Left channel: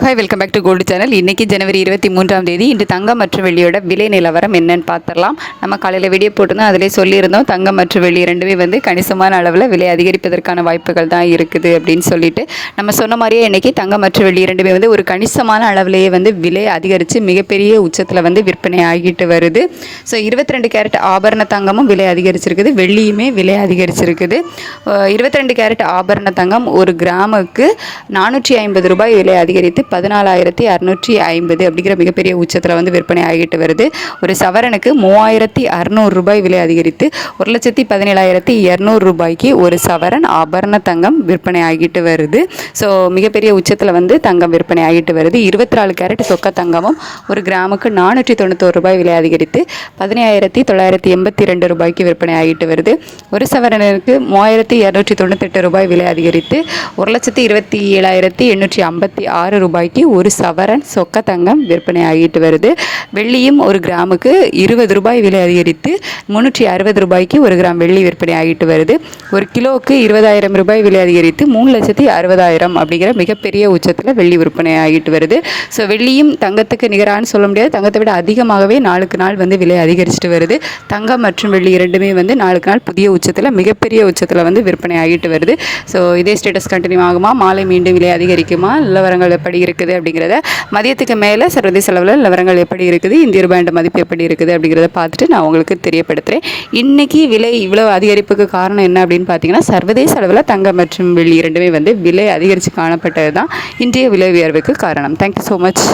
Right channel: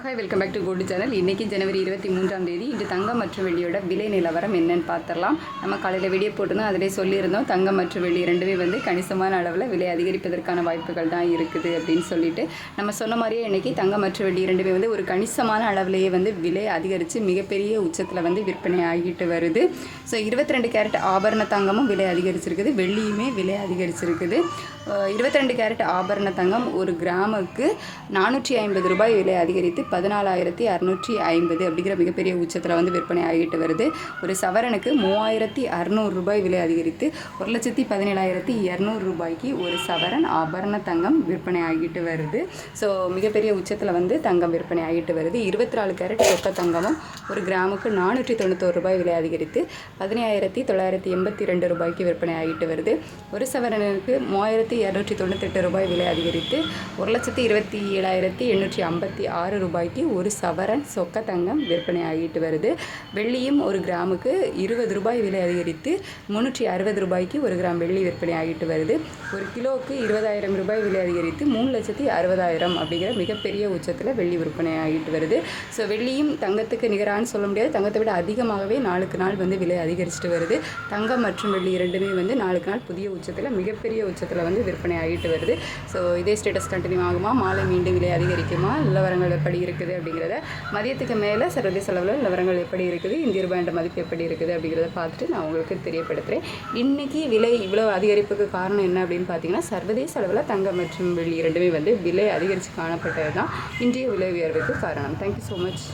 Hi, welcome back to gold channel. இன்றைக்கி ஜனவரி 23ஆம் தேதி. இன்று தங்கம் மற்றும் வெள்ளியோட விலை நிலவரம் என்னன்னு பார்த்துடலாம். நம்ம காலையில் வீடியோ போட்டுருந்தோம், அதிலே சொல்லியிருந்தோம் தங்கம் மற்றும் வெள்ளி ரெண்டுமே கணிசமான அளவில் விலை அதிகரிப்பதற்கான வாய்ப்புகள் தான் இருக்குது அப்படின்னு சொல்லிட்டு நம்ம சொன்ன மாதிரியே இன்றைக்கி தங்கம் மற்றும் வெள்ளி ரெண்டுமே ஒரு கணிசமான அளவிலேயே விலை அதிகரித்து மிகப்பெரிய உச்சத்தில் விற்பனை ஆகிட்டு வருது. ஸோ 22 கேரட் ஆபரண தங்கமும் விலை அதிகரிச்சிருக்குது, வெள்ளியுமே விலை அதிகரிச்சிருக்குது. 22 கேரட் ஆபரண தங்கம் ஒரு கிராமுக்கு 450 ரூபாய் விலை அதிகரித்து 14,650 அப்படிங்கிற மிகப்பெரிய உச்சத்தில் விற்பனை ஆகிட்டு வருது. ஒரு சவரனுக்கு 3,600 ரூபாய் விலை அதிகரித்து 1,17,200 ரூபாய்க்கு ஒரு சவரன் ஆபரண தங்கம் விற்பனை ஆகிட்டு வருது. ஸோ மிகப்பெரிய உச்சத்தில் தங்கம் விற்பனை ஆகிட்டு வருது. 24 கேரட் சொக்க தங்கமும் ஒரு கிராமுக்கு 491 ரூபாய் விலை அதிகரித்து 15,982 ரூபாய்க்கு விற்பனை ஆகிட்டு வருது. ஒரு சவரனுக்கு 3,298 ரூபாய் விலை அதிகரித்து 1,27,856 ரூபாய்க்கு ஒரு சவரன் சொக்க தங்கம் விற்பனை ஆகிட்டு வருது. வெள்ளியும் ஒரு கிராமுக்கு 20 ரூபாய் விலை அதிகரித்து 360 ரூபாய்க்கு ஒரு கிராம் வெள்ளி விற்பனை ஆகிட்டு வருது. ஒரு கிலோவுக்கு 20,000 ரூபாய் விலை அதிகரித்து 3,60,000 அப்படிங்கிற மிகப்பெரிய உச்சத்தில் வெள்ளி விற்பனை ஆகிட்டு வருது. ஸோ வெள்ளியும் தங்கத்துக்கு நிகரான்னு சொல்ல முடியாது, தங்கத்தை விட அதிகமாகவே நாளுக்கு நாள் விலை அதிகரிச்சுட்டு வருது. தங்கம் மற்றும் வெள்ளி இரண்டுமே நாளுக்கு நாள் புதிய உச்சத்தில் மிகப்பெரிய உச்சத்தில் விற்பனை ஆகிட்டு வருது. ஸோ இதே ஸ்டேட்டஸ் கண்டினியூ ஆகுமா, மாலை மீண்டும் விலை அதிகரிக்குமா, நிலவரங்கள் எப்படி இருக்குது அப்படிங்கிறத மதியத்துக்கு மேலே சர்வதேச அளவில் நிலவரங்கள் எப்படி இருக்குது, இந்திய ரூபாய் மதிப்பு எப்படி இருக்குது அப்படிங்கிறத பார்த்துட்டு நான் உங்களுக்கு தெரியப்படுத்துகிறேன். இன்றைக்கி விலை இவ்வளோ அதிகரிப்புக்கு காரணம் என்ன அப்படின்னு பார்த்தீங்கன்னா, சர்வதேச அளவில் தங்கம் மற்றும் வெள்ளி இரண்டுமே விலை அதிகரித்து காணப்பட்டது தான் இன்றைய விலை உயர்வுக்கு காரணம். Thank you so much.